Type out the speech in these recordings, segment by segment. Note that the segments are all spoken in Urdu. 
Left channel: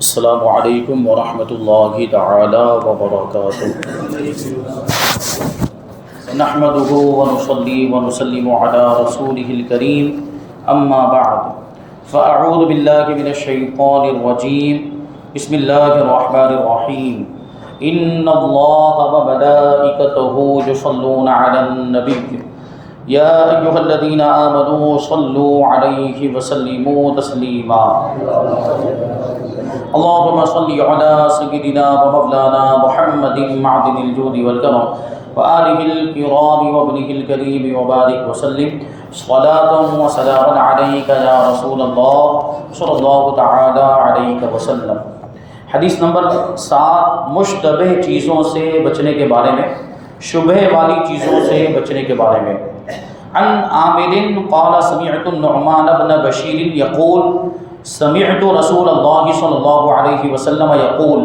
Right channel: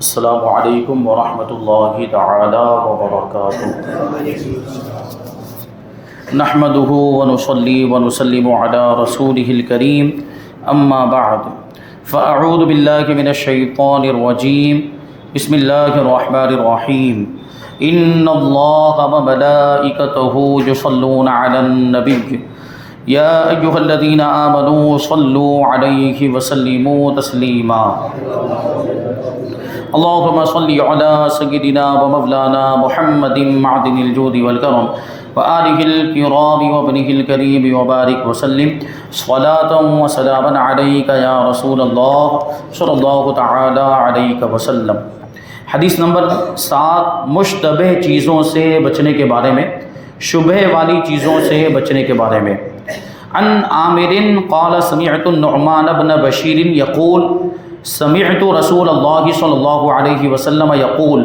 السلام علیکم ورحمۃ اللہ تعالی وبرکاتہ۔ نحمده ونصلي ونسلم على رسوله الكريم اما بعد فاعوذ باللہ من الشیطان الرجیم بسم اللہ الرحمن الرحیم ان اللہ وملائکته یصلون علی النبی یا ایھا الذین آمنوا صلوا علیہ وسلموا تسلیما۔ اللهم صل على سيدنا ومولانا محمد معدن الجود والكرم وآله الكرام وابنه الكريم وبارك وسلم صلاة وسلاما عليك يا رسول الله صلى الله تعالى عليك وسلم۔ حدیث نمبر 7، مشتبہ چیزوں سے بچنے کے بارے میں، شبہ والی چیزوں سے بچنے کے بارے میں۔ عن عامر قال سمعت النعمان بن بشیر یقول سمعت رسول اللہ صلی اللہ علیہ وسلم یقول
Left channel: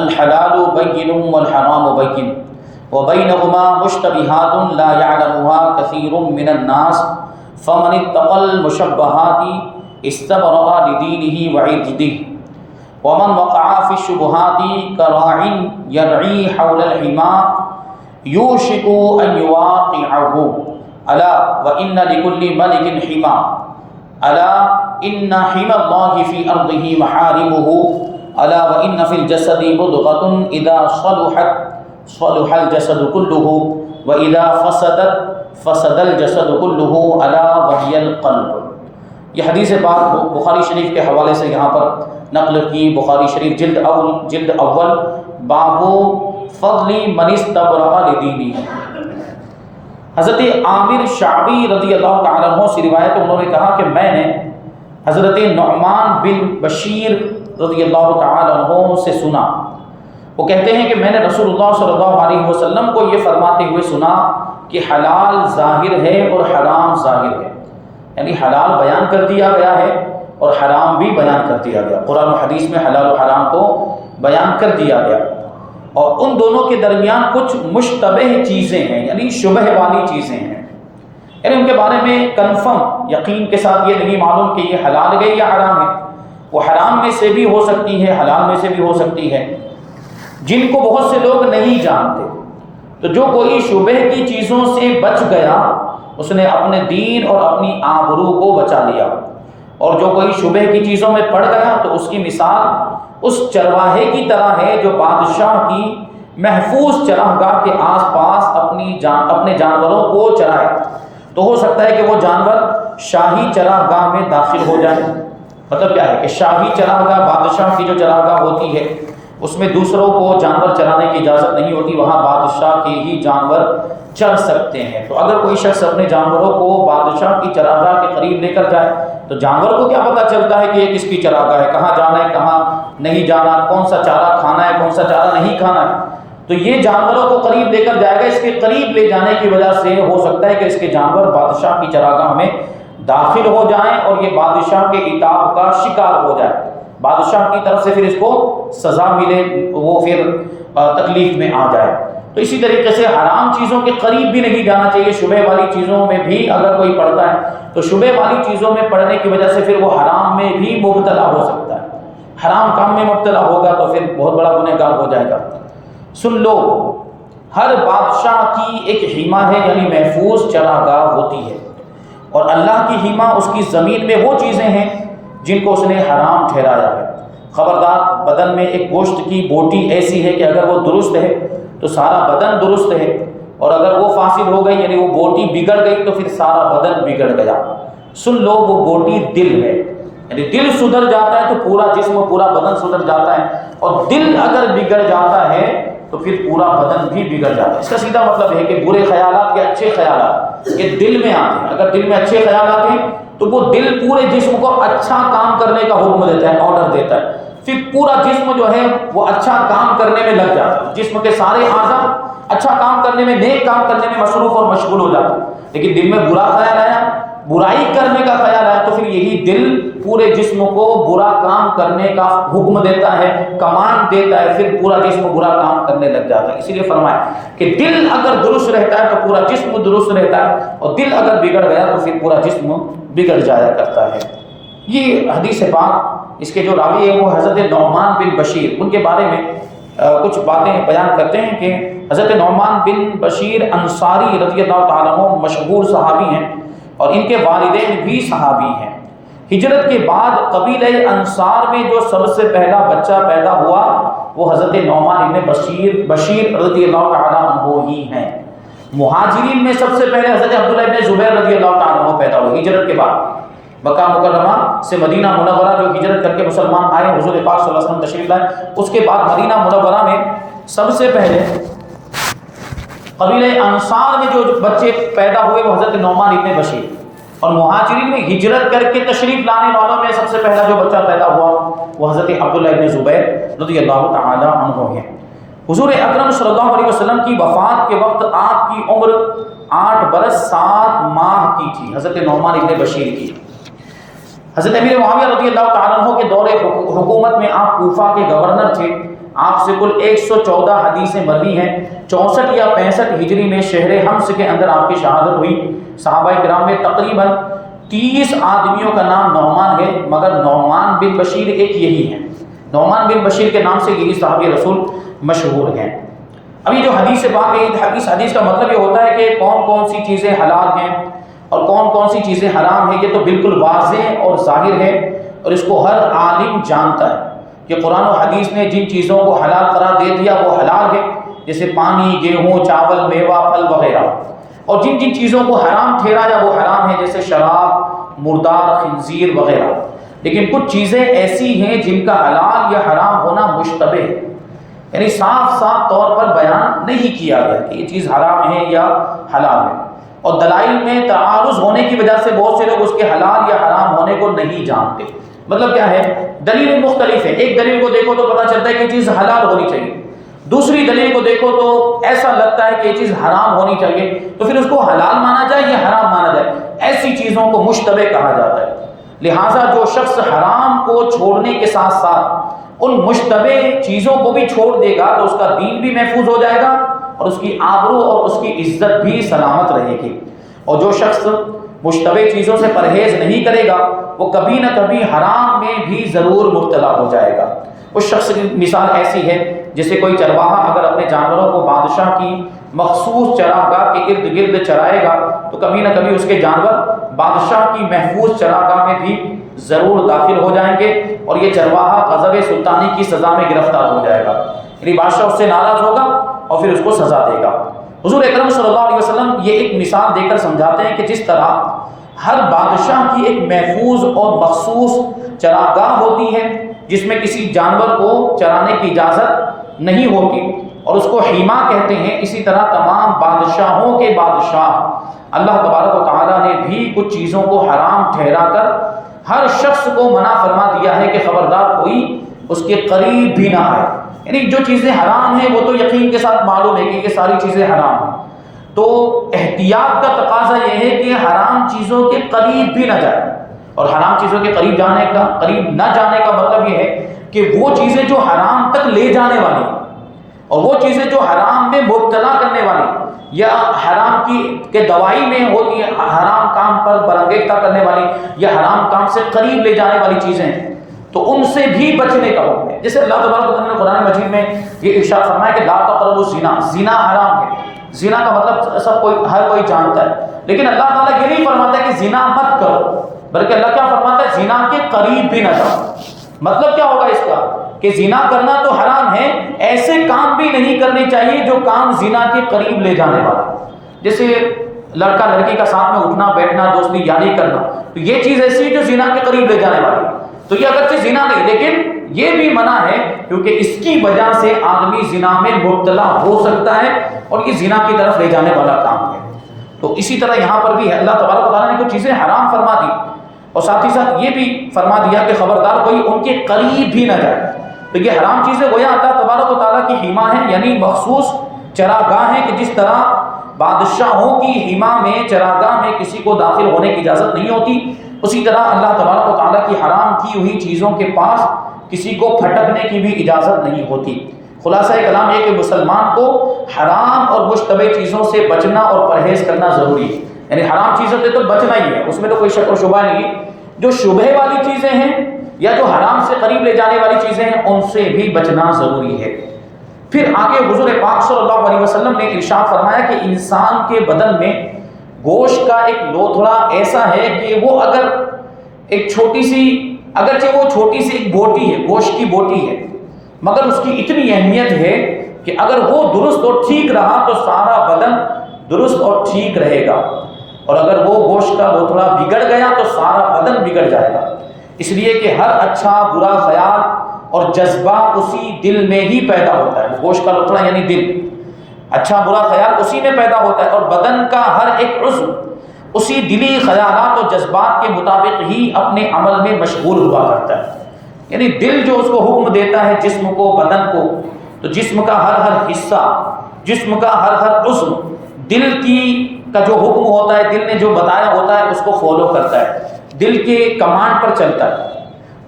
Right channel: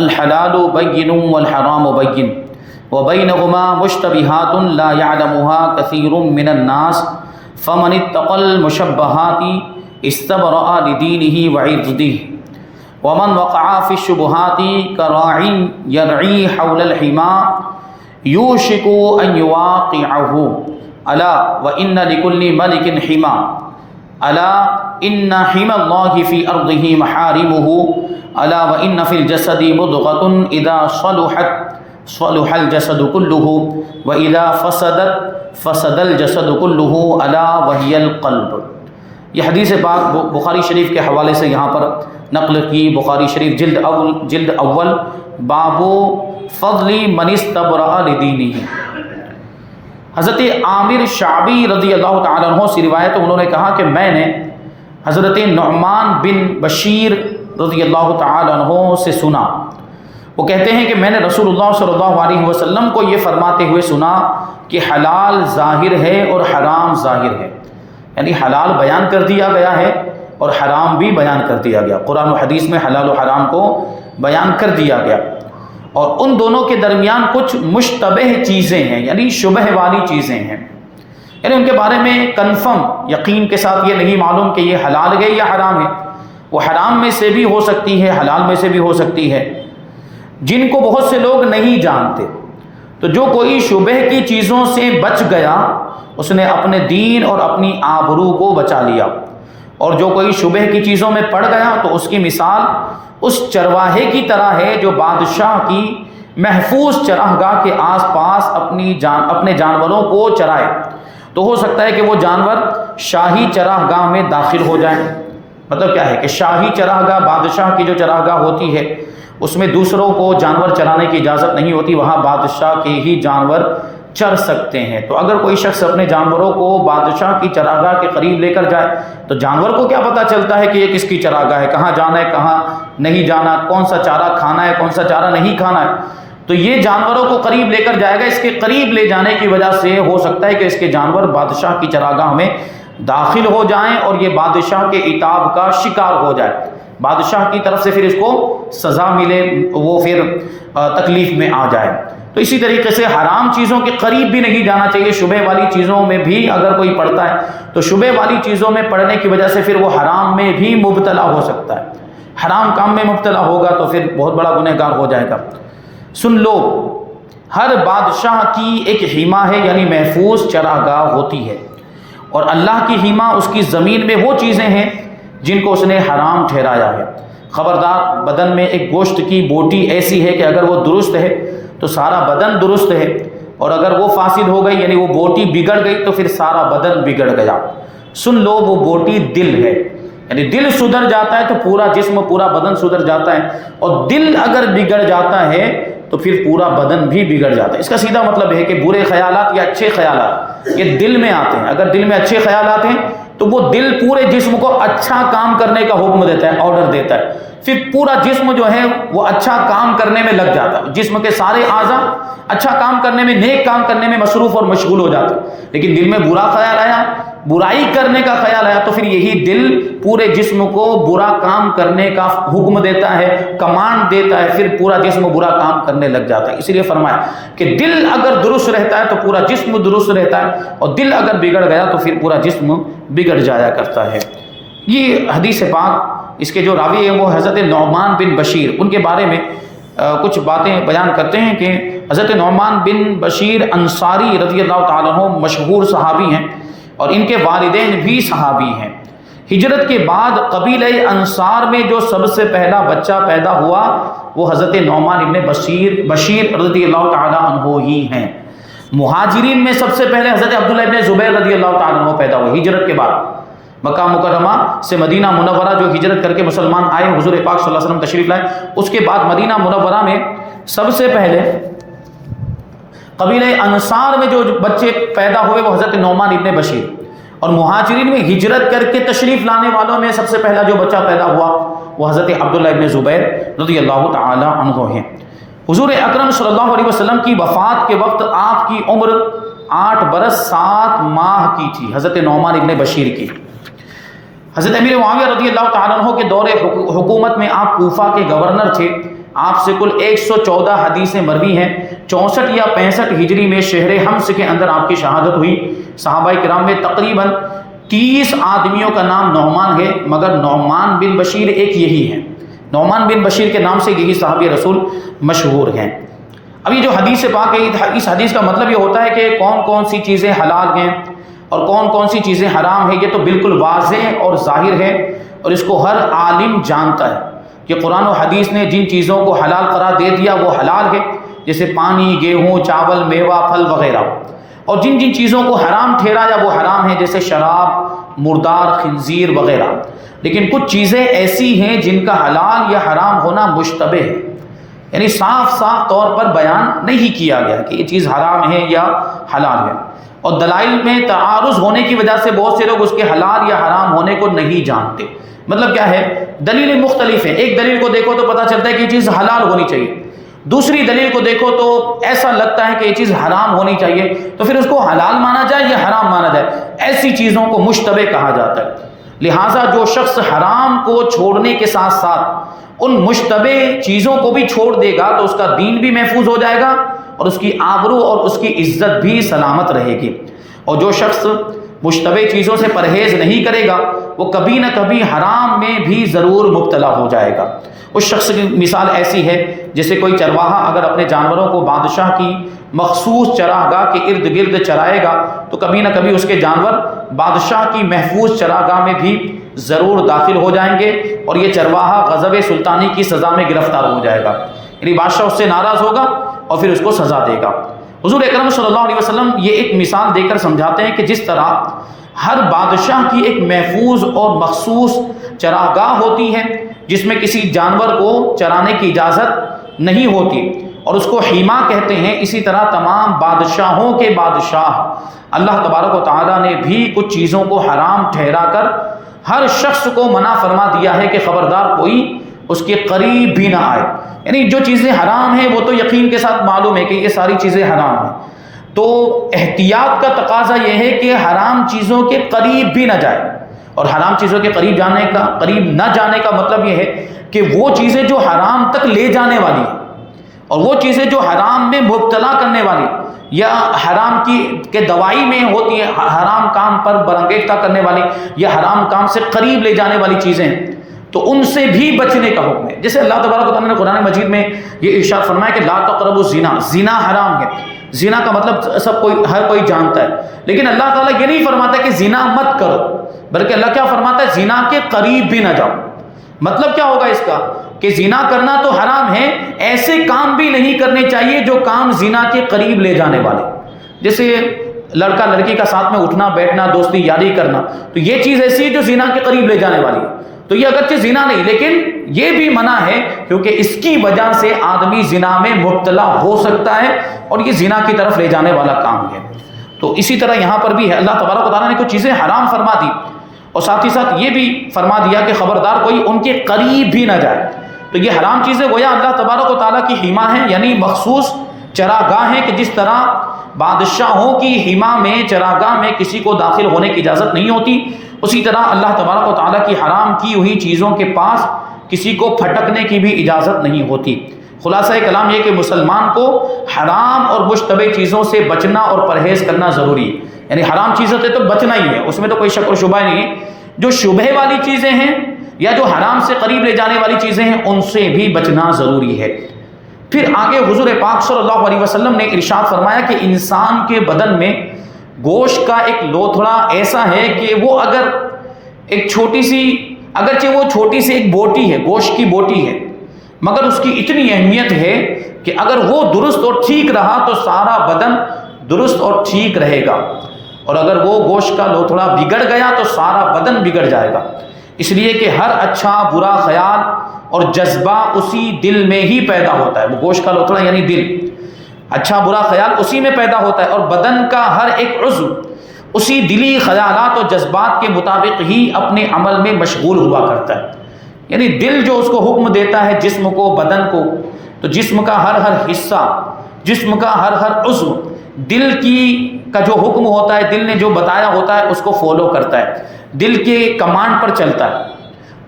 الحلال بین والحرام بین وبینہما مشتبہات لا یعلمها کثیر من الناس فمن اتقى المشبہات استبرأ لدینہ وعرضہ ومن وقع في الشبهات كراع يرعي حول الحمى يوشك أن يواقعه ألا وإن لكل ملك حمى ألا إن حمى الله في أرضه محارمه ألا وإن في الجسد مضغة إذا صلحت صلح الجسد كله وإذا فسدت فسد الجسد كله ألا وهي القلب۔ یہ حدیث پاک بخاری شریف کے حوالے سے یہاں پر نقل کی۔ بخاری شریف جلد اول باب فضل من استبرأ لدینہ۔ حضرت عامر شعبی رضی اللہ تعالیٰ عنہ سے روایت، انہوں نے کہا کہ میں نے حضرت نعمان بن بشیر رضی اللہ تعالیٰ عنہ سے سنا، وہ کہتے ہیں کہ میں نے رسول اللہ صلی اللہ علیہ وسلم کو یہ فرماتے ہوئے سنا کہ حلال ظاہر ہے اور حرام ظاہر ہے، یعنی حلال بیان کر دیا گیا ہے اور حرام بھی بیان کر دیا گیا۔ قرآن و حدیث میں حلال و حرام کو بیان کر دیا گیا، اور ان دونوں کے درمیان کچھ مشتبہ چیزیں ہیں، یعنی شبہ والی چیزیں ہیں، یعنی ان کے بارے میں کنفرم یقین کے ساتھ یہ نہیں معلوم کہ یہ حلال ہے یا حرام ہے۔ وہ حرام میں سے بھی ہو سکتی ہے، حلال میں سے بھی ہو سکتی ہے، جن کو بہت سے لوگ نہیں جانتے۔ تو جو کوئی شبہ کی چیزوں سے بچ گیا اس نے اپنے دین اور اپنی آبرو کو بچا لیا، اور جو کوئی شبہ کی چیزوں میں پڑ گیا تو اس کی مثال اس چرواہے کی طرح ہے جو بادشاہ کی محفوظ چراگاہ کے آس پاس اپنے جانوروں کو چرائے۔ تو ہو سکتا ہے کہ وہ جانور شاہی چراگاہ میں داخل ہو جائیں۔ مطلب کیا ہے کہ شاہی چراگاہ، بادشاہ کی جو چراگاہ ہوتی ہے اس میں دوسروں کو جانور چرانے کی اجازت نہیں ہوتی، وہاں بادشاہ کے ہی جانور چر سکتے ہیں۔ تو اگر کوئی شخص اپنے جانوروں کو بادشاہ کی چراگاہ کے قریب لے کر جائے تو جانور کو کیا پتہ چلتا ہے کہ یہ کس کی چراگاہ ہے، کہاں جانا ہے کہاں نہیں جانا، کون سا چارہ کھانا ہے کون سا چارہ نہیں کھانا ہے۔ تو یہ جانوروں کو قریب لے کر جائے گا، اس کے قریب لے جانے کی وجہ سے ہو سکتا ہے کہ اس کے جانور بادشاہ کی چراگاہ میں داخل ہو جائیں اور یہ بادشاہ کے عتاب کا شکار ہو جائے، بادشاہ کی طرف سے پھر اس کو سزا ملے، وہ پھر تکلیف میں آ جائے۔ تو اسی طریقے سے حرام چیزوں کے قریب بھی نہیں جانا چاہیے۔ شبہ والی چیزوں میں بھی اگر کوئی پڑتا ہے تو شبہ والی چیزوں میں پڑنے کی وجہ سے پھر وہ حرام میں بھی مبتلا ہو سکتا ہے، حرام کام میں مبتلا ہوگا تو پھر بہت بڑا گنہگار ہو جائے گا۔ سن لو، ہر بادشاہ کی ایک حما ہے، یعنی محفوظ چراگاہ ہوتی ہے، اور اللہ کی حما اس کی زمین میں وہ چیزیں ہیں جن کو اس نے حرام ٹھہرایا ہے۔ خبردار، بدن میں ایک گوشت کی بوٹی ایسی ہے کہ اگر وہ درست ہے تو سارا بدن درست ہے، اور اگر وہ فاسد ہو گئی یعنی وہ بوٹی بگڑ گئی تو پھر سارا بدن بگڑ گیا۔ سن لو، وہ بوٹی دل ہے، یعنی دل سدھر جاتا ہے تو پورا جسم پورا بدن سدھر جاتا ہے، اور دل اگر بگڑ جاتا ہے تو پھر پورا بدن بھی بگڑ جاتا ہے۔ اس کا سیدھا مطلب ہے کہ برے خیالات یا اچھے خیالات یہ دل میں آتے ہیں، اگر دل میں اچھے خیالات ہیں تو وہ دل پورے جسم کو اچھا کام کرنے کا حکم دیتا ہے، آرڈر دیتا ہے، پھر پورا جسم جو ہے وہ اچھا کام کرنے میں لگ جاتا ہے، جسم کے سارے اعضاء اچھا کام کرنے میں، نیک کام کرنے میں مصروف اور مشغول ہو جاتے ہیں۔ لیکن دل میں برا خیال آیا، برائی کرنے کا خیال آیا تو پھر یہی دل پورے جسم کو برا کام کرنے کا حکم دیتا ہے، کمانڈ دیتا ہے، پھر پورا جسم برا کام کرنے لگ جاتا ہے۔ اسی لیے فرمایا کہ دل اگر درست رہتا ہے تو پورا جسم درست رہتا ہے، اور دل اگر بگڑ گیا تو پھر پورا جسم بگڑ جایا کرتا ہے۔ یہ حدیث پاک اس کے جو راوی ہیں وہ حضرت نعمان بن بشیر، ان کے بارے میں کچھ باتیں بیان کرتے ہیں کہ حضرت نعمان بن بشیر انصاری رضی اللہ تعالیٰ عنہ مشہور صحابی ہیں اور ان کے والدین بھی صحابی ہیں۔ ہجرت کے بعد قبیلہ انصار میں جو سب سے پہلا بچہ پیدا ہوا وہ حضرت نعمان ابن بشیر رضی اللہ تعالیٰ عنہ ہی ہیں۔ مہاجرین میں سب سے پہلے حضرت عبداللہ ابن زبیر رضی اللہ تعالیٰ عنہ پیدا ہوئے ہجرت کے بعد۔ مکہ مکرمہ سے مدینہ منورہ جو ہجرت کر کے مسلمان آئے، حضور پاک صلی اللہ علیہ وسلم تشریف لائے، اس کے بعد مدینہ منورہ میں سب سے پہلے قبیلہ انصار میں جو بچے پیدا ہوئے وہ حضرت نعمان ابن بشیر، اور مہاجرین میں ہجرت کر کے تشریف لانے والوں میں سب سے پہلا جو بچہ پیدا ہوا وہ حضرت عبداللہ ابن زبیر رضی اللہ تعالی عنہ ہے۔ حضور اکرم صلی اللہ علیہ وسلم کی وفات کے وقت آپ کی عمر 8 برس 7 ماہ کی تھی، حضرت نعمان ابن بشیر کی۔ حضرت امیر معاویہ رضی اللہ تعالیٰ عنہ کے دور حکومت میں آپ کوفہ کے گورنر تھے۔ آپ سے کل 114 حدیثیں مروی ہیں۔ 64 یا 65 ہجری میں شہر حمص کے اندر آپ کی شہادت ہوئی۔ صحابہ کرام میں تقریباً 30 آدمیوں کا نام نعمان ہے، مگر نعمان بن بشیر ایک یہی ہے۔ نعمان بن بشیر کے نام سے یہی صحابی رسول مشہور ہیں۔ ابھی جو حدیث پاک ہے، اس حدیث کا مطلب یہ ہوتا ہے کہ کون کون سی چیزیں حلال ہیں اور کون کون سی چیزیں حرام ہیں، یہ تو بالکل واضح اور ظاہر ہے اور اس کو ہر عالم جانتا ہے کہ قرآن و حدیث نے جن چیزوں کو حلال قرار دے دیا وہ حلال ہے، جیسے پانی، گیہوں، چاول، میوہ، پھل وغیرہ، اور جن جن چیزوں کو حرام ٹھہرایا وہ حرام ہے، جیسے شراب، مردار، خنزیر وغیرہ۔ لیکن کچھ چیزیں ایسی ہیں جن کا حلال یا حرام ہونا مشتبہ ہے، یعنی صاف طور پر بیان نہیں کیا گیا کہ یہ چیز حرام ہے یا حلال ہے، اور دلائل میں تعارض ہونے کی وجہ سے بہت سے لوگ اس کے حلال یا حرام ہونے کو نہیں جانتے۔ مطلب کیا ہے؟ دلیل مختلف ہے، ایک دلیل کو دیکھو تو پتہ چلتا ہے کہ یہ چیز حلال ہونی چاہیے، دوسری دلیل کو دیکھو تو ایسا لگتا ہے کہ یہ چیز حرام ہونی چاہیے، تو پھر اس کو حلال مانا جائے یا حرام مانا جائے؟ ایسی چیزوں کو مشتبہ کہا جاتا ہے۔ لہٰذا جو شخص حرام کو چھوڑنے کے ساتھ ساتھ ان مشتبہ چیزوں کو بھی چھوڑ دے گا تو اس کا دین بھی محفوظ ہو جائے گا اور اس کی آبرو اور اس کی عزت بھی سلامت رہے گی، اور جو شخص مشتبہ چیزوں سے پرہیز نہیں کرے گا وہ کبھی نہ کبھی حرام میں بھی ضرور مبتلا ہو جائے گا۔ اس شخص کی مثال ایسی ہے جیسے کوئی چرواہا اگر اپنے جانوروں کو بادشاہ کی مخصوص چراگاہ کے ارد گرد چرائے گا تو کبھی نہ کبھی اس کے جانور بادشاہ کی محفوظ چراگاہ میں بھی ضرور داخل ہو جائیں گے اور یہ چرواہا غضب سلطانی کی سزا میں گرفتار ہو جائے گا، یعنی بادشاہ اس سے ناراض ہوگا اور پھر اس کو سزا دے گا۔ حضور اکرم صلی اللہ علیہ وسلم یہ ایک مثال دے کر سمجھاتے ہیں کہ جس طرح ہر بادشاہ کی ایک محفوظ اور مخصوص چراگاہ ہوتی ہے جس میں کسی جانور کو چرانے کی اجازت نہیں ہوتی اور اس کو حیما کہتے ہیں، اسی طرح تمام بادشاہوں کے بادشاہ اللہ تبارک و تعالیٰ نے بھی کچھ چیزوں کو حرام ٹھہرا کر ہر شخص کو منع فرما دیا ہے کہ خبردار کوئی اس کے قریب بھی نہ آئے۔ یعنی جو چیزیں حرام ہیں وہ تو یقین کے ساتھ معلوم ہے کہ یہ ساری چیزیں حرام ہیں، تو احتیاط کا تقاضا یہ ہے کہ حرام چیزوں کے قریب بھی نہ جائے، اور حرام چیزوں کے قریب نہ جانے کا مطلب یہ ہے کہ وہ چیزیں جو حرام تک لے جانے والی اور وہ چیزیں جو حرام میں مبتلا کرنے والی یا حرام کی دوائی میں ہوتی ہیں، حرام کام پر برانگیختہ کرنے والی یا حرام کام سے قریب لے جانے والی چیزیں، تو ان سے بھی بچنے کا حکم ہے۔ جیسے اللہ تبارک و تعالیٰ نے قرآن مجید میں یہ ارشاد فرمایا کہ لا تقربوا الزنا، زنا حرام ہے۔ زنا کا مطلب ہر کوئی جانتا ہے، لیکن اللہ تعالیٰ یہ نہیں فرماتا کہ زنا مت کرو، بلکہ اللہ کیا فرماتا ہے؟ زنا کے قریب بھی نہ جاؤ۔ مطلب کیا ہوگا اس کا؟ کہ زنا کرنا تو حرام ہے، ایسے کام بھی نہیں کرنے چاہیے جو کام زنا کے قریب لے جانے والے، جیسے لڑکا لڑکی کا ساتھ میں اٹھنا بیٹھنا، دوستی یاری کرنا، تو یہ چیز ایسی ہے جو زنا کے قریب لے جانے والی ہے۔ تو یہ اگرچہ زنا نہیں لیکن یہ بھی منع ہے کیونکہ اس کی وجہ سے آدمی زنا میں مبتلا ہو سکتا ہے اور یہ زنا کی طرف لے جانے والا کام ہے۔ تو اسی طرح یہاں پر بھی ہے، اللہ تبارک و تعالیٰ نے کچھ چیزیں حرام فرما دی اور ساتھ ہی ساتھ یہ بھی فرما دیا کہ خبردار کوئی ان کے قریب بھی نہ جائے۔ تو یہ حرام چیزیں گویا اللہ تبارک و تعالیٰ کی حما ہیں، یعنی مخصوص چراگاہ ہیں کہ جس طرح بادشاہوں کی حما میں چراگاہ میں کسی کو داخل ہونے کی اجازت نہیں ہوتی، اسی طرح اللہ تبارک و تعالیٰ کی حرام کی ہوئی چیزوں کے پاس کسی کو پھٹکنے کی بھی اجازت نہیں ہوتی۔ خلاصہ کلام یہ کہ مسلمان کو حرام اور مشتبہ چیزوں سے بچنا اور پرہیز کرنا ضروری ہے، یعنی حرام چیزوں سے تو بچنا ہی ہے، اس میں تو کوئی شک و شبہ نہیں ہے۔ جو شبہ والی چیزیں ہیں یا جو حرام سے قریب لے جانے والی چیزیں ہیں ان سے بھی بچنا ضروری ہے۔ پھر آگے حضور پاک صلی اللہ علیہ وسلم نے ارشاد فرمایا کہ انسان کے بدن میں گوشت کا ایک لوتھڑا ایسا ہے کہ وہ اگر ایک چھوٹی سی، اگرچہ وہ چھوٹی سی ایک بوٹی ہے، گوشت کی بوٹی ہے، مگر اس کی اتنی اہمیت ہے کہ اگر وہ درست اور ٹھیک رہا تو سارا بدن درست اور ٹھیک رہے گا، اور اگر وہ گوشت کا لوتھڑا بگڑ گیا تو سارا بدن بگڑ جائے گا۔ اس لیے کہ ہر اچھا برا خیال اور جذبہ اسی دل میں ہی پیدا ہوتا ہے۔ وہ گوشت کا لوتھڑا یعنی دل، اچھا برا خیال اسی میں پیدا ہوتا ہے، اور بدن کا ہر ایک عضو اسی دلی خیالات اور جذبات کے مطابق ہی اپنے عمل میں مشغول ہوا کرتا ہے۔ یعنی دل جو اس کو حکم دیتا ہے جسم کو، بدن کو، تو جسم کا ہر حصہ، جسم کا ہر عضو دل کا جو حکم ہوتا ہے، دل نے جو بتایا ہوتا ہے اس کو فالو کرتا ہے، دل کے کمانڈ پر چلتا ہے۔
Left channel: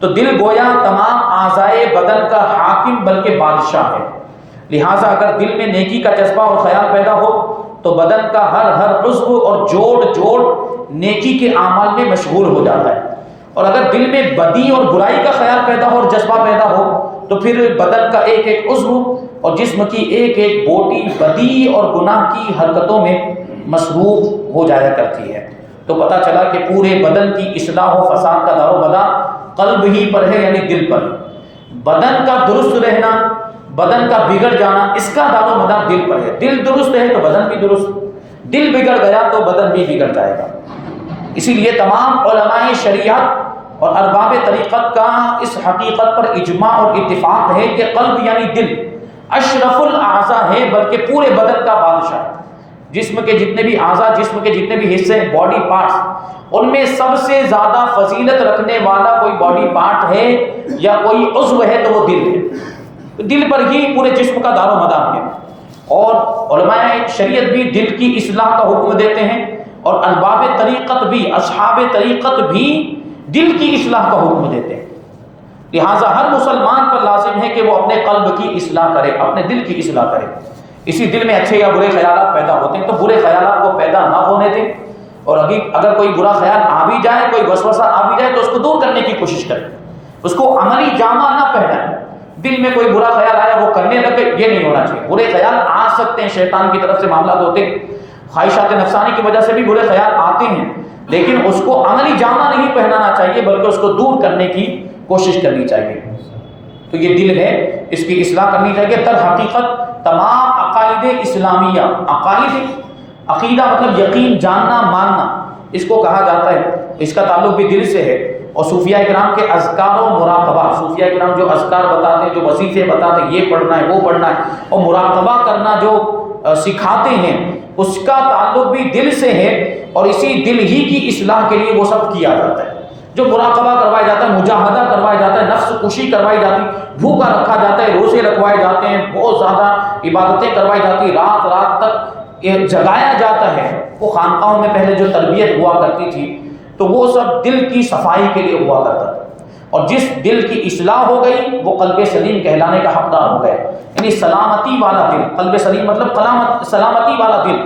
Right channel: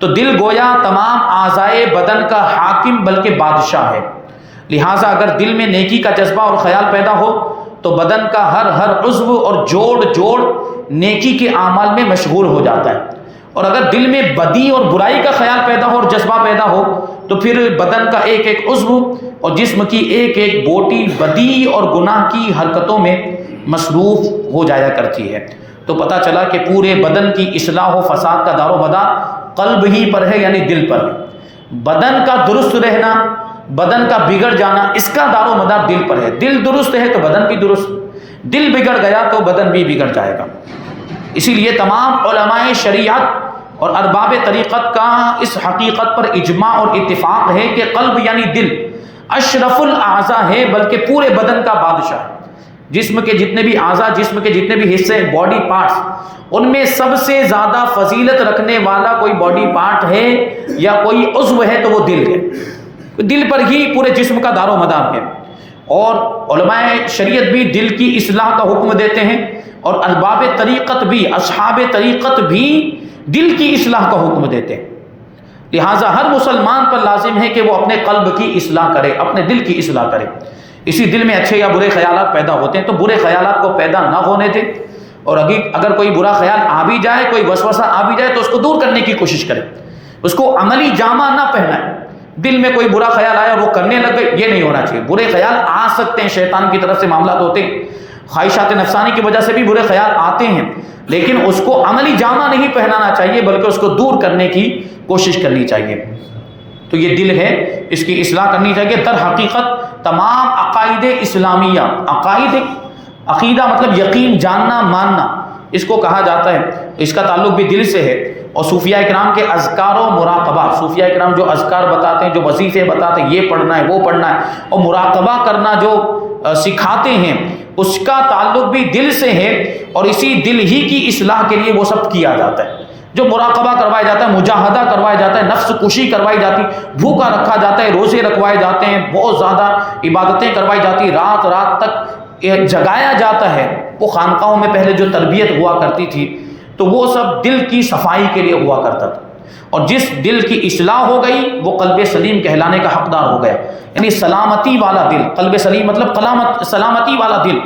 تو دل گویا تمام اعضائے بدن کا حاکم بلکہ بادشاہ ہے، لہٰذا اگر دل میں نیکی کا جذبہ اور خیال پیدا ہو تو بدن کا ہر عضو اور جوڑ نیکی کے اعمال میں مشغول ہو جاتا ہے، اور اگر دل میں بدی اور برائی کا خیال پیدا ہو اور جذبہ پیدا ہو تو پھر بدن کا ایک عضو اور جسم کی ایک بوٹی بدی اور گناہ کی حرکتوں میں مصروف ہو جایا کرتی ہے۔ تو پتہ چلا کہ پورے بدن کی اصلاح و فساد کا دار و مدار قلب ہی پر ہے، یعنی دل پر ہے۔ بدن کا درست رہنا، بدن کا بگڑ جانا، اس کا دار و مدار دل پر ہے۔ دل درست ہے تو بدن بھی درست، دل بگڑ گیا تو بدن بھی بگڑ جائے گا۔ اسی لیے تمام علماء شریعت اور ارباب طریقت کا اس حقیقت پر اجماع اور اتفاق ہے کہ قلب یعنی دل اشرف الاعضاء ہے، بلکہ پورے بدن کا بادشاہ ہے۔ جسم کے جتنے بھی اعضاء، جسم کے جتنے بھی حصے، باڈی پارٹس، ان میں سب سے زیادہ فضیلت رکھنے والا کوئی باڈی پارٹ ہے یا کوئی عضو ہے تو وہ دل ہے۔ دل پر ہی پورے جسم کا دار و مدار ہے، اور علماء شریعت بھی دل کی اصلاح کا حکم دیتے ہیں، اور ارباب طریقت بھی، اصحاب طریقت بھی دل کی اصلاح کا حکم دیتے ہیں۔ لہٰذا ہر مسلمان پر لازم ہے کہ وہ اپنے قلب کی اصلاح کرے، اپنے دل کی اصلاح کرے۔ اسی دل میں اچھے یا برے خیالات پیدا ہوتے ہیں تو برے خیالات کو پیدا نہ ہونے دیں، اور اگر کوئی برا خیال آ بھی جائے، کوئی وسوسہ آ بھی جائے تو اس کو دور کرنے کی کوشش کرے، اس کو عملی جامہ نہ پہنائے۔ دل میں کوئی برا خیال آیا وہ کرنے لگے، یہ نہیں ہونا چاہیے۔ برے خیال آ سکتے ہیں، شیطان کی طرف سے معاملات ہوتے ہیں، خواہشات نفسانی کی وجہ سے بھی برے خیال آتے ہیں، لیکن اس کو عملی جامہ نہیں پہنانا چاہیے بلکہ اس کو دور کرنے کی کوشش کرنی چاہیے۔ تو یہ دل ہے، اس کی اصلاح کرنی چاہیے۔ در حقیقت تمام عقائد اسلامیہ، عقیدہ مطلب یقین، جاننا، ماننا، اس کو کہا جاتا ہے، اس کا تعلق بھی دل سے ہے۔ اور صوفیاء کرام کے اذکار و مراقبہ، صوفیاء کرام جو اذکار بتاتے ہیں، جو وظیفے بتاتے ہیں، یہ پڑھنا ہے وہ پڑھنا ہے، اور مراقبہ کرنا جو سکھاتے ہیں، اس کا تعلق بھی دل سے ہے، اور اسی دل ہی کی اصلاح کے لیے وہ سب کیا جاتا ہے۔ جو مراقبہ کروایا جاتا ہے، مجاہدہ کروایا جاتا ہے، نفس کشی کروائی جاتی، بھوکا رکھا جاتا ہے، روزے رکھوائے جاتے ہیں، بہت زیادہ عبادتیں کروائی جاتی، رات رات تک جگایا جاتا ہے۔ وہ خانقاہوں میں پہلے جو تربیت ہوا کرتی تھی تو وہ سب دل کی صفائی کے لیے ہوا کرتا تھا، اور جس دل کی اصلاح ہو گئی وہ قلب سلیم کہلانے کا حقدار ہو گیا، یعنی سلامتی والا دل۔ قلب سلیم مطلب سلامتی والا دل۔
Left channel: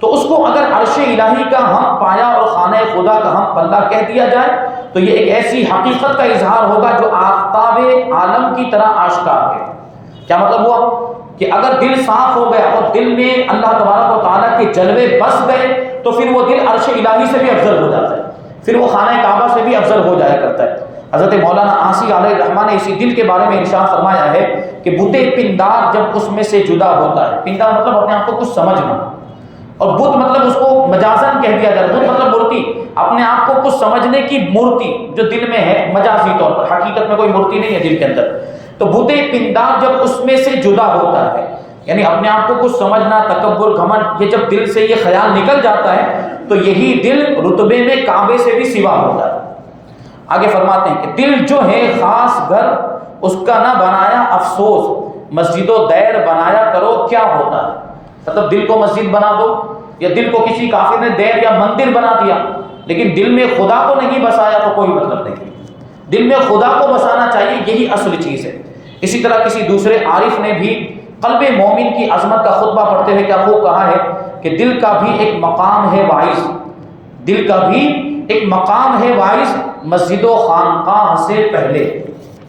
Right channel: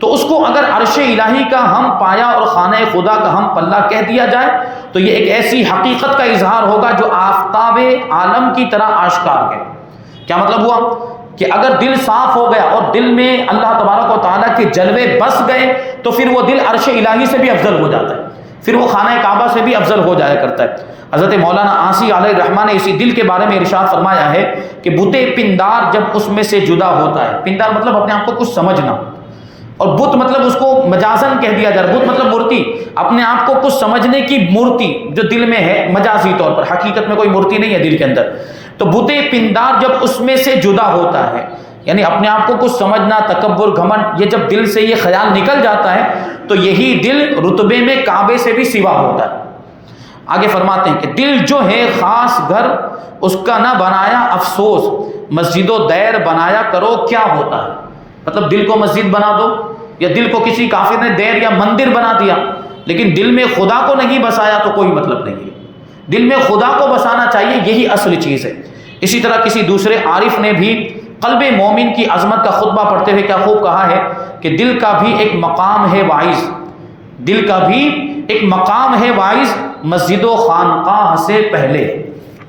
تو اس کو اگر عرش الہی کا ہم پایا اور خانہ خدا کا ہم پلہ کہہ دیا جائے تو یہ ایک ایسی حقیقت کا اظہار ہوگا جو آفتاب عالم کی طرح آشکار ہے۔ کیا مطلب ہوا کہ اگر دل صاف ہو گیا اور دل میں اللہ تبارک و تعالیٰ کے جلوے بس گئے تو پھر وہ دل عرش الہی سے بھی افضل ہو جاتا ہے، پھر وہ خانہ کعبہ سے بھی افضل ہو جایا کرتا ہے۔ حضرت مولانا آنسی علیہ الرحمٰن نے اسی دل کے بارے میں ارشاد فرمایا ہے کہ بت پندار جب اس میں سے جدا ہوتا ہے، پندار مطلب اپنے آپ کو کچھ سمجھنا، اور بت مطلب اس کو مجازن کہہ دیا جائے، بت مطلب مورتی، اپنے آپ کو کچھ سمجھنے کی مورتی جو دل میں ہے مجازی طور پر، حقیقت میں کوئی مورتی نہیں ہے دل کے اندر۔ تو بت پندار جب اس میں سے جدا ہوتا ہے، یعنی اپنے آپ کو کچھ سمجھنا، تکبر، گھمنڈ، یہ جب دل سے یہ خیال نکل جاتا ہے تو یہی دل رتبے میں کعبے سے بھی سوا ہوتا ہے۔ آگے فرماتے ہیں کہ دل جو ہے خاص گھر اس کا نہ بنایا افسوس، مسجد و دیر بنایا کرو کیا ہوتا ہے۔ مطلب دل کو مسجد بنا دو، یا دل کو کسی کافر نے دیر یا مندر بنا دیا، لیکن دل میں خدا کو نہیں بسایا تو کوئی مطلب نہیں۔ دل میں خدا کو بسانا چاہیے، یہی اصل چیز ہے۔ اسی طرح کسی دوسرے عارف نے بھی قلب مومن کی عظمت کا خطبہ پڑھتے ہوئے کیا خوب کہا ہے کہ دل کا بھی ایک مقام ہے واعظ، دل کا بھی ایک مقام ہے واعظ، مسجد و خانقاہ سے پہلے،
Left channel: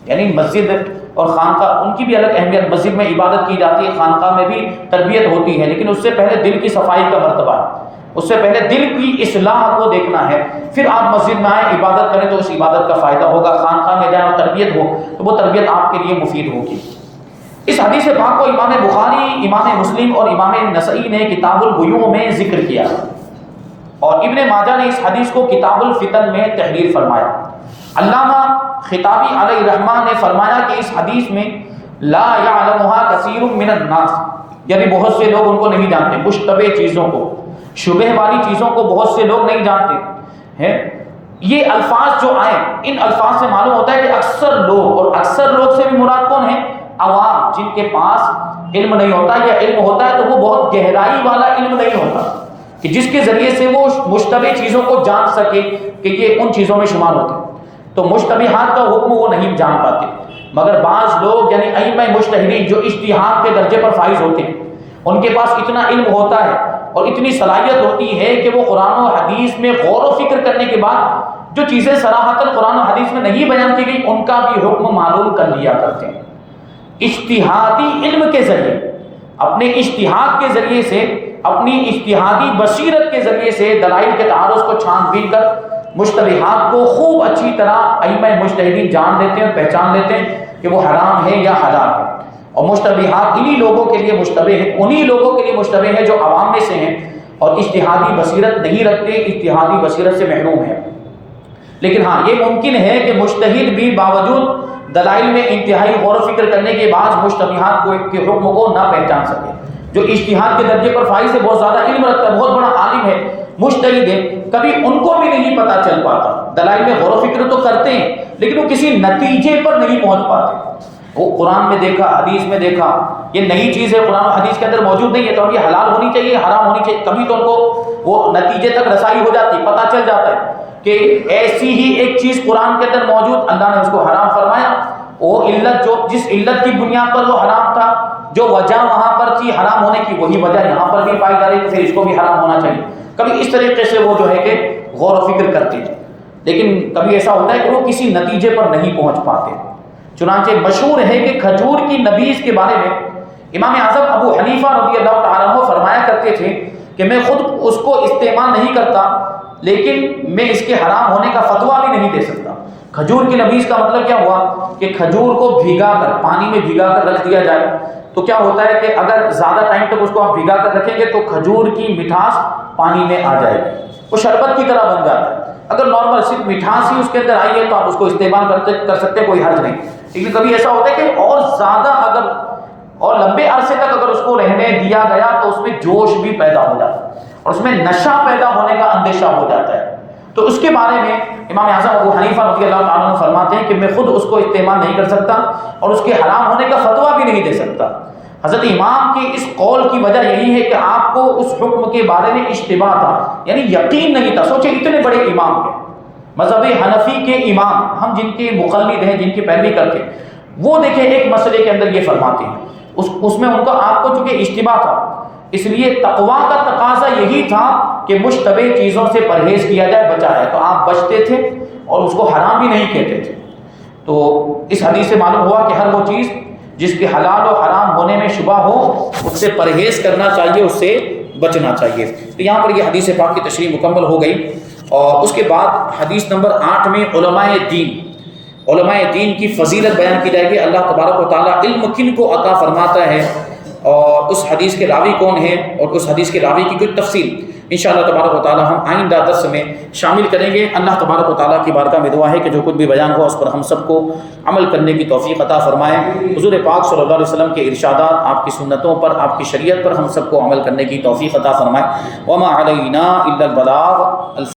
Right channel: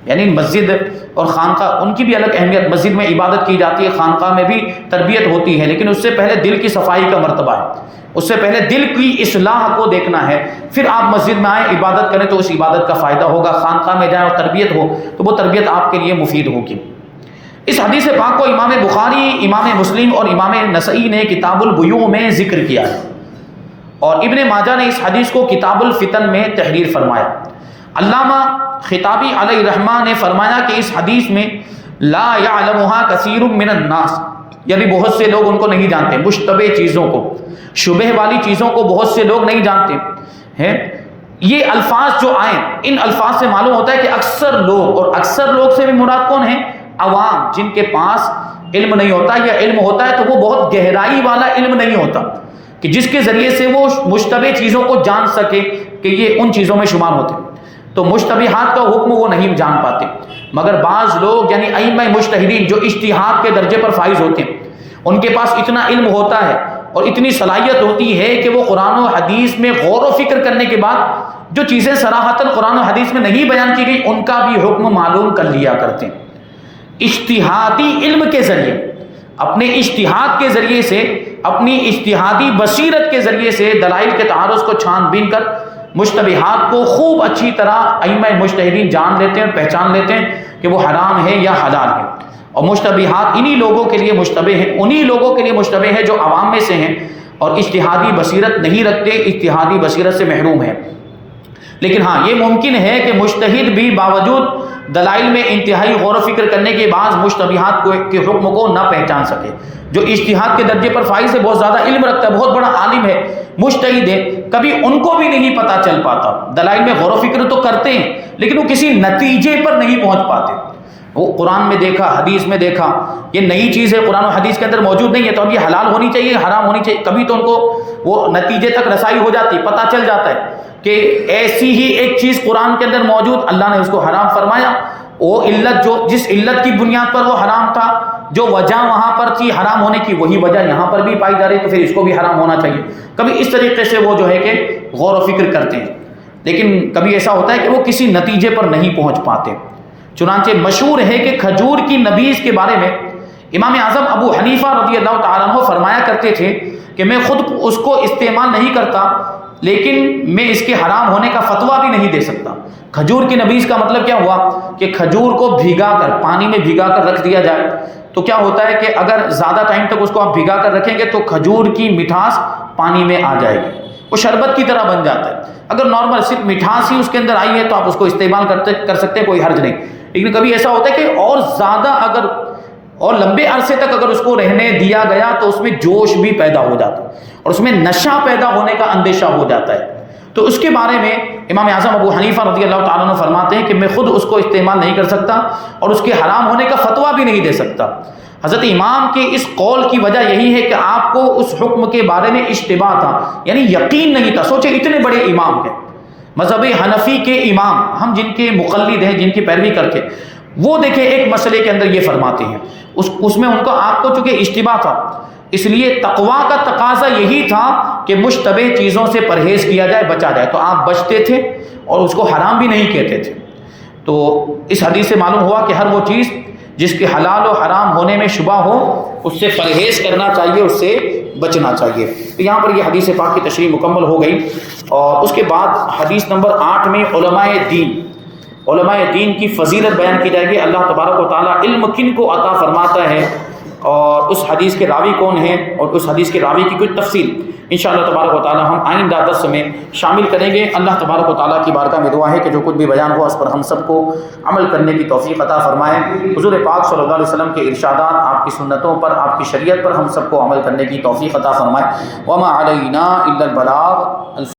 یعنی مسجد اور خانقاہ ان کی بھی الگ اہمیت، مسجد میں عبادت کی جاتی ہے، خانقاہ میں بھی تربیت ہوتی ہے، لیکن اس سے پہلے دل کی صفائی کا مرتبہ ہے، اس سے پہلے دل کی اصلاح کو دیکھنا ہے، پھر آپ مسجد میں آئیں عبادت کریں تو اس عبادت کا فائدہ ہوگا، خانقاہ میں جائیں اور تربیت ہو تو وہ تربیت آپ کے لیے مفید ہوگی۔ اس حدیث پاک کو امام بخاری، امام مسلم اور امام نسائی نے کتاب البیوع میں ذکر کیا، اور ابن ماجہ نے اس حدیث کو کتاب الفتن میں تحریر فرمایا۔ علامہ خطابی علیہ الرحمہ نے فرمایا کہ اس حدیث میں لا یعلمها کثیر من الناس، یعنی بہت سے لوگ ان کو نہیں جانتے، مشتبہ چیزوں کو، شبہ والی چیزوں کو بہت سے لوگ نہیں جانتے ہیں۔ یہ الفاظ جو آئے، ان الفاظ سے معلوم ہوتا ہے کہ اکثر لوگ، اور اکثر لوگ سے بھی مراد کون ہیں؟ عوام، جن کے پاس علم نہیں ہوتا، یا علم ہوتا ہے تو وہ بہت گہرائی والا علم نہیں ہوتا کہ جس کے ذریعے سے وہ مشتبہ چیزوں کو جان سکے کہ یہ ان چیزوں میں شمار ہوتے ہیں، تو مشتبہات کا حکم وہ نہیں جان پاتے۔ مگر بعض لوگ یعنی ائمہ مجتہدین جو اجتہاد کے درجے پر فائز ہوتے ہیں، ان کے پاس اتنا علم ہوتا ہے اور اتنی صلاحیت ہوتی ہے کہ وہ قرآن و حدیث میں غور و فکر کرنے کے بعد جو چیزیں صراحتاً قرآن و حدیث میں نہیں بیان کی گئی ان کا بھی حکم معلوم کر لیا کرتے ہیں۔ اجتہادی علم کے ذریعے، اپنے اجتہاد کے ذریعے سے، اپنی اجتہادی بصیرت کے ذریعے سے دلائل کے تعارض کو چھان بین کر مشتبہات کو خوب اچھی طرح ائمہ مجتہدین جان لیتے ہیں، پہچان لیتے ہیں کہ وہ حرام ہے یا حلال ہے، اور مشتبہات انہی لوگوں کے لیے مشتبہ ہیں، انہی لوگوں کے لیے مشتبہ ہے جو عوام میں سے ہیں اور اجتہادی بصیرت نہیں رکھتے، اجتہادی بصیرت سے محروم ہیں۔ لیکن ہاں یہ ممکن ہے کہ مجتہد بھی باوجود دلائل میں انتہائی غور و فکر کرنے کے بعد مشتبہات کے حکم کو نہ پہچان سکے۔ جو اجتہاد کے درجے پر فائز ہے، بہت زیادہ علم رکھتا ہے، بہت بڑا عالم ہے، مجتہد ہے، کبھی ان کو بھی نہیں پتہ چل پاتا، دلائل میں غور و فکر تو کرتے ہیں لیکن وہ کسی نتیجے پر نہیں پہنچ پاتے۔ وہ قرآن میں دیکھا، حدیث میں دیکھا، یہ نئی چیز ہے، قرآن و حدیث کے اندر موجود نہیں ہے تو اب یہ حلال ہونی چاہیے، حرام ہونی چاہیے، کبھی تو ان کو وہ نتیجے تک رسائی ہو جاتی، پتہ چل جاتا ہے کہ ایسی ہی ایک چیز قرآن کے اندر موجود، اللہ نے اس کو حرام فرمایا، وہ علت جو جس علت کی بنیاد پر وہ حرام تھا، جو وجہ وہاں پر تھی حرام ہونے کی، وہی وجہ یہاں پر بھی پائی جا رہی ہے تو پھر اس کو بھی حرام ہونا چاہیے۔ کبھی اس طریقے سے وہ جو ہے کہ غور و فکر کرتے ہیں، لیکن کبھی ایسا ہوتا ہے کہ وہ کسی نتیجے پر نہیں پہنچ پاتے۔ چنانچہ مشہور ہے کہ کھجور کی نبیذ کے بارے میں امام اعظم ابو حنیفہ رضی اللہ تعالیٰ عنہ فرمایا کرتے تھے کہ میں خود اس کو استعمال نہیں کرتا، لیکن میں اس کے حرام ہونے کا فتویٰ بھی نہیں دے سکتا۔ کھجور کی نبیذ کا مطلب کیا ہوا کہ کھجور کو بھگا کر، پانی میں بھگا کر رکھ دیا جائے تو کیا ہوتا ہے کہ اگر زیادہ ٹائم تک اس کو آپ بھگا کر رکھیں گے تو کھجور کی مٹھاس پانی میں آ جائے گی، وہ شربت کی طرح بن جاتا ہے۔ اگر نارمل صرف مٹھاس ہی اس کے اندر آئی ہے تو آپ اس کو استعمال کر سکتے ہیں، کوئی حرج نہیں، لیکن کبھی ایسا ہوتا ہے کہ اور زیادہ اگر اور لمبے عرصے تک اگر اس کو رہنے دیا گیا تو اس میں جوش بھی پیدا ہو جاتا ہے اور اس میں نشہ پیدا ہونے کا اندیشہ ہو جاتا ہے۔ تو اس کے بارے میں امام اعظم ابو حنیفہ رضی اللہ تعالیٰ عنہ فرماتے ہیں کہ میں خود اس کو استعمال نہیں کر سکتا اور اس کے حرام ہونے کا فتویٰ بھی نہیں دے سکتا۔ حضرت امام کے اس قول کی وجہ یہی ہے کہ آپ کو اس حکم کے بارے میں اشتباہ تھا، یعنی یقین نہیں تھا۔ سوچے اتنے بڑے امام ہیں، مذہب حنفی کے امام، ہم جن کے مقلد ہیں، جن کی پیروی کرتے ہیں، وہ دیکھیں ایک مسئلے کے اندر یہ فرماتے ہیں، اس میں ان کو آپ کو چونکہ اشتباہ تھا، اس لیے تقویٰ کا تقاضا یہی تھا کہ مشتبہ چیزوں سے پرہیز کیا جائے، بچا جائے، تو آپ بچتے تھے اور اس کو حرام بھی نہیں کہتے تھے۔ تو اس حدیث سے معلوم ہوا کہ ہر وہ چیز جس کے حلال و حرام ہونے میں شبہ ہو اس سے پرہیز کرنا چاہیے، اس سے بچنا چاہیے۔ تو یہاں پر یہ حدیث پاک کی تشریح مکمل ہو گئی، اور اس کے بعد حدیث نمبر 8 میں علماء دین کی فضیلت بیان کی جائے گی۔ اللہ تبارک و تعالیٰ علم کن کو عطا فرماتا ہے اور اس حدیث کے راوی کون ہیں اور اس حدیث کے راوی کی کچھ تفصیل انشاءاللہ تبارک و تعالیٰ ہم آئندہ درس میں شامل کریں گے۔ اللہ تبارک و تعالیٰ کی بارگاہ میں دعا ہے کہ جو کچھ بھی بیان ہوا اس پر ہم سب کو عمل کرنے کی توفیق عطا فرمائے۔ حضور پاک صلی اللہ علیہ وسلم کے ارشادات، آپ کی سنتوں پر، آپ کی شریعت پر ہم سب کو عمل کرنے کی توفیق عطا فرمائے۔ وما علینا الا البلاغ۔